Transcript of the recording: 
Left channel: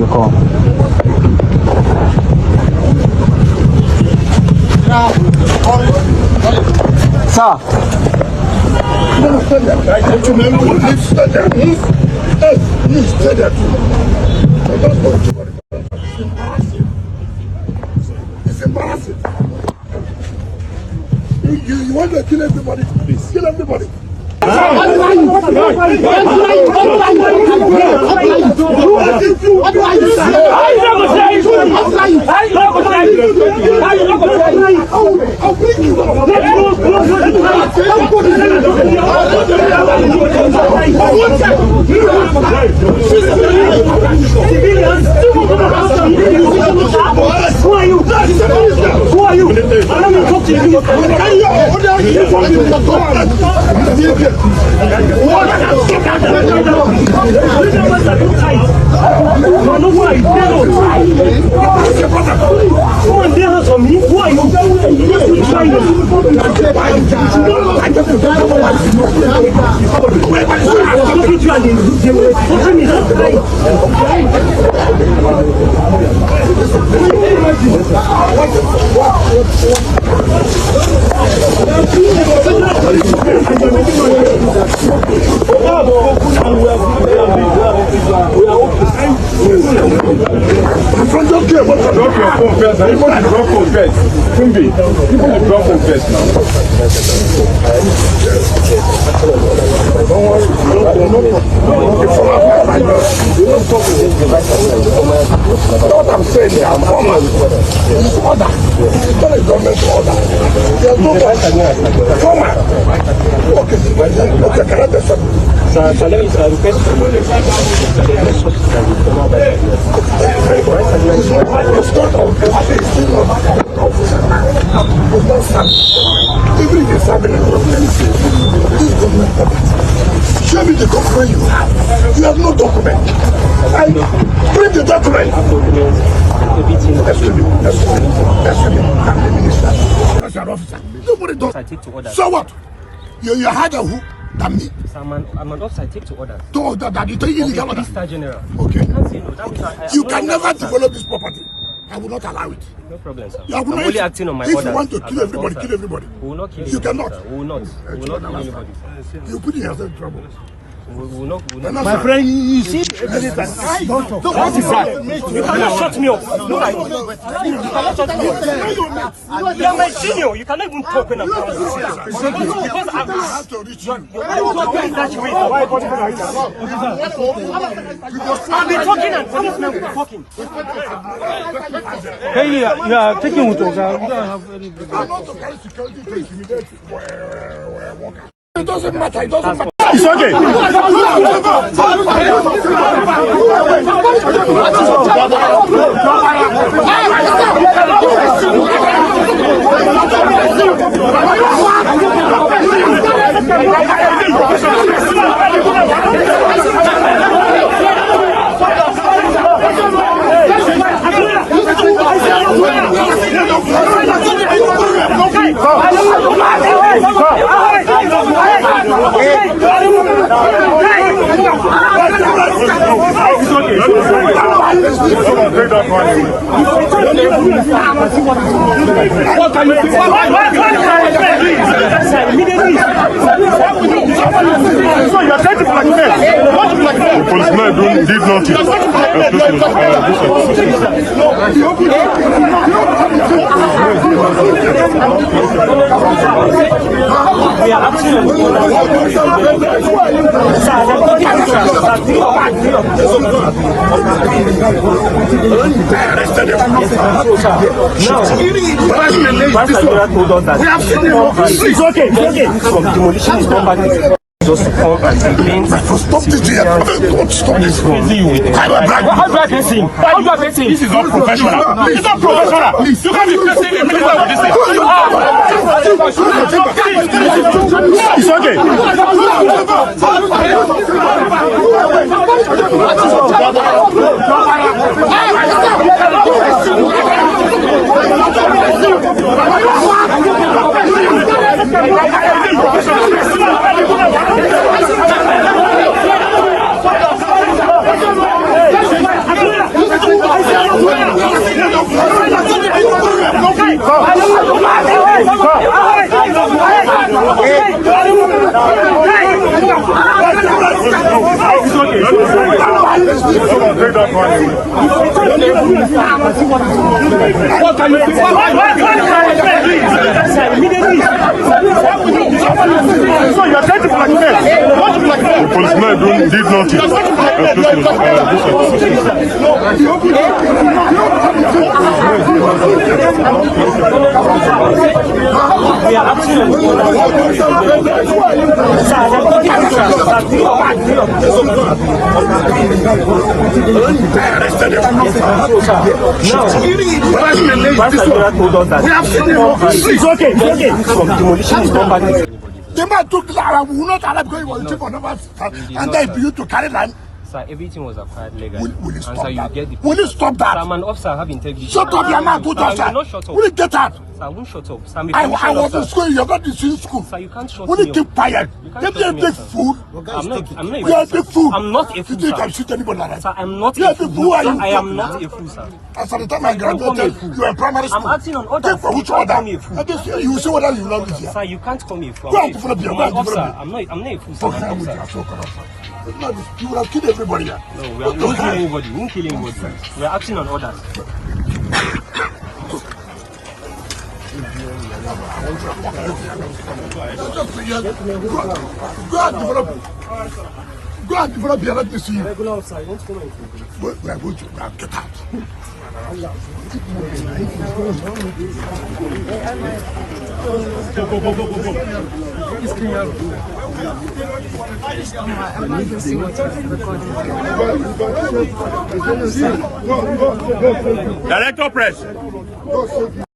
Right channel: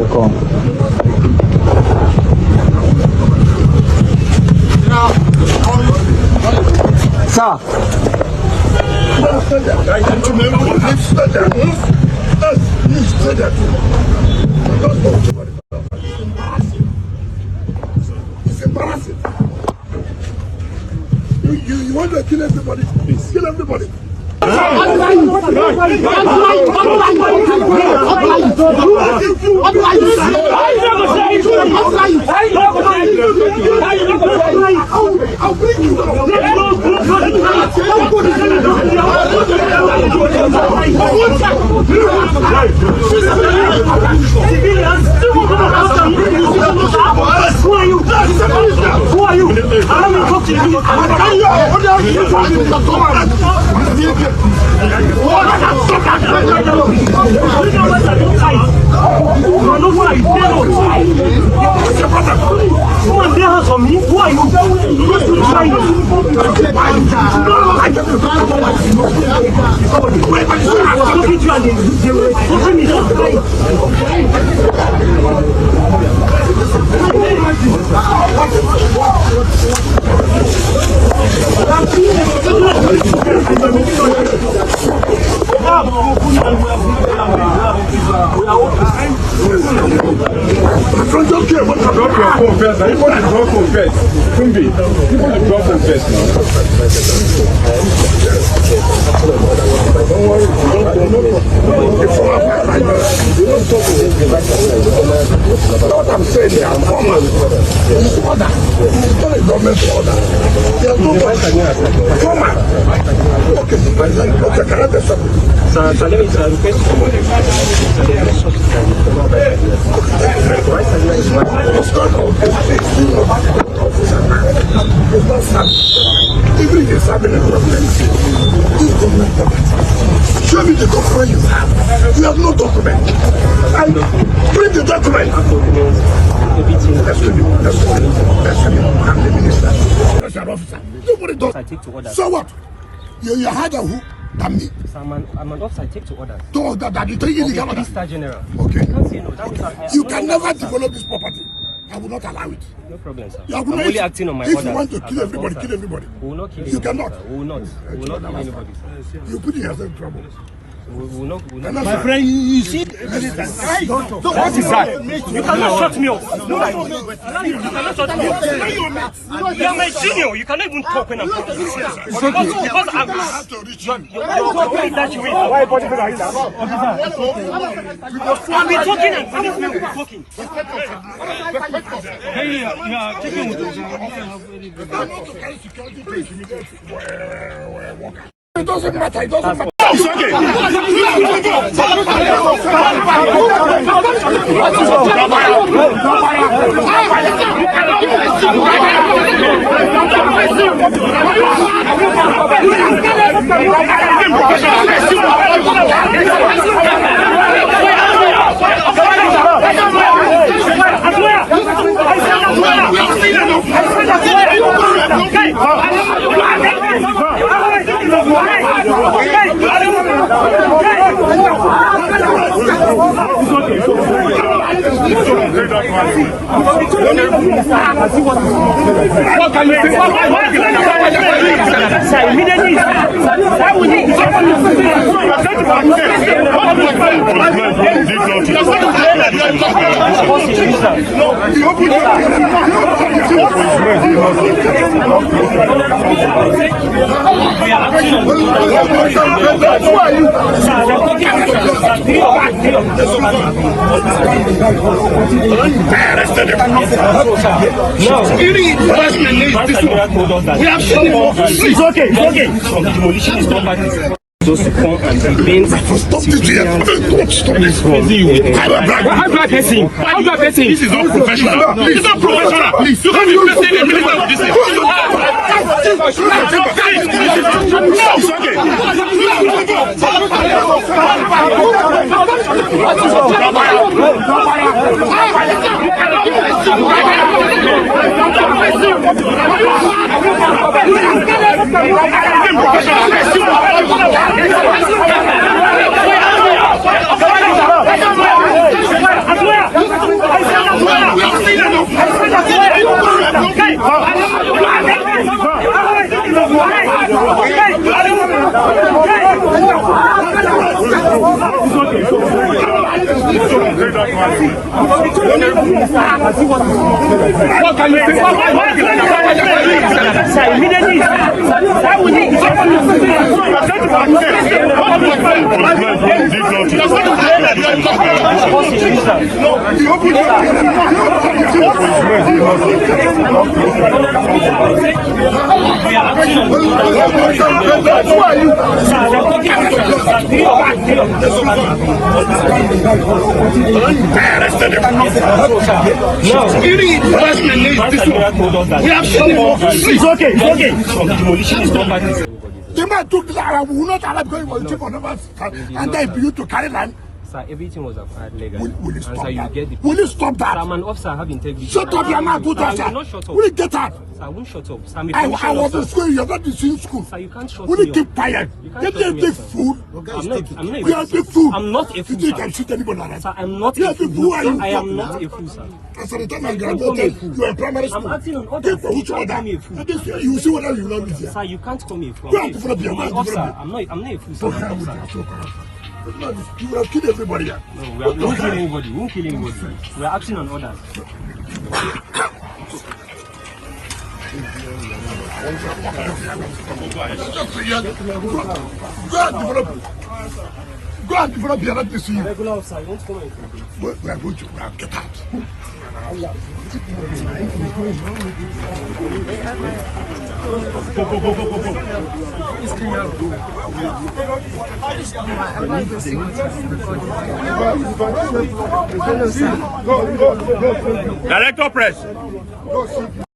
will come. Sir. It's embarrassing. You want to kill everybody? Please kill everybody. I'll bring you down. Who are you? Who are you? I'm not talking to you. Someone there has on me. Who are you? What I'm saying here, I'm order. It's order. It's not a government order. There's no formal. Okay, can I tell something? Sir, let me request. Even if it's having a problem, this is government property. Show me the document you have. You have no document. And bring the document. Excuse me. I'm the minister. That's your officer. Nobody does. I take to order. So what? You had a who? Than me. So I'm an officer. I take to orders. To order that. You take it. I'm a 3-star general. Okay. I can't say no. That means you can never develop this property. I will not allow it. No problem, sir. I'm only acting on my orders. If you want to kill everybody, kill everybody. We will not kill you. You anybody, cannot. Sir. We will not. We will not kill anybody, sir. You put yourself in trouble. We will not. My friend, you see, what is that? You cannot shut me up. No, you cannot shut me up. You are my junior. You cannot even talk when I'm talking. Because you're only that you wait. I'll be talking and policemen will be talking. Hey, you are taking with us. We don't have any. It doesn't matter. It doesn't matter. Demolition is not bad. Those to come and complain. Stop this here. Stop this from you. How do I person? How do I person? This is not professional. It's not professional. Please. You can't be facing a minister of this. The man took the Arab, will not allow because he was chief of Naval, and then you to carry land. Sir, everything was acquired legally. Will you stop that? You get Will you stop that? Sir, I'm an officer, I have integrity. Shut up, your mouth, put sir, up, sir. I will not shut up. Will you get out? Sir, I won't shut up. Sir, I'm a I commissioned was in officer. school, you're not in school. Sir, you can't shut Will me you keep up. quiet? You can't Let shut them me take up, sir. food. I'm not a You are fool. the fool. I'm not a fool, You think sir. I shoot anybody like that? Sir, I'm not Yeah, a fool. who are you? I am not a fool, sir. As at the time I Don't call me a graduated, fool. you were in primary school. I'm acting on orders. Take for You which can't order? call me a fool. And this, you will see whether you love this here. Sir, you can't call me a fool. Go I'm and develop your- an go and officer. develop I'm not a fool, sir. Don't I'm come an with you, officer. so corrupt. You would have killed everybody here. No, we won't kill anybody. We won't kill anybody. We are acting on orders. Go and develop your right to see you. Regular officer, you won't come and We are going to get out. Director press.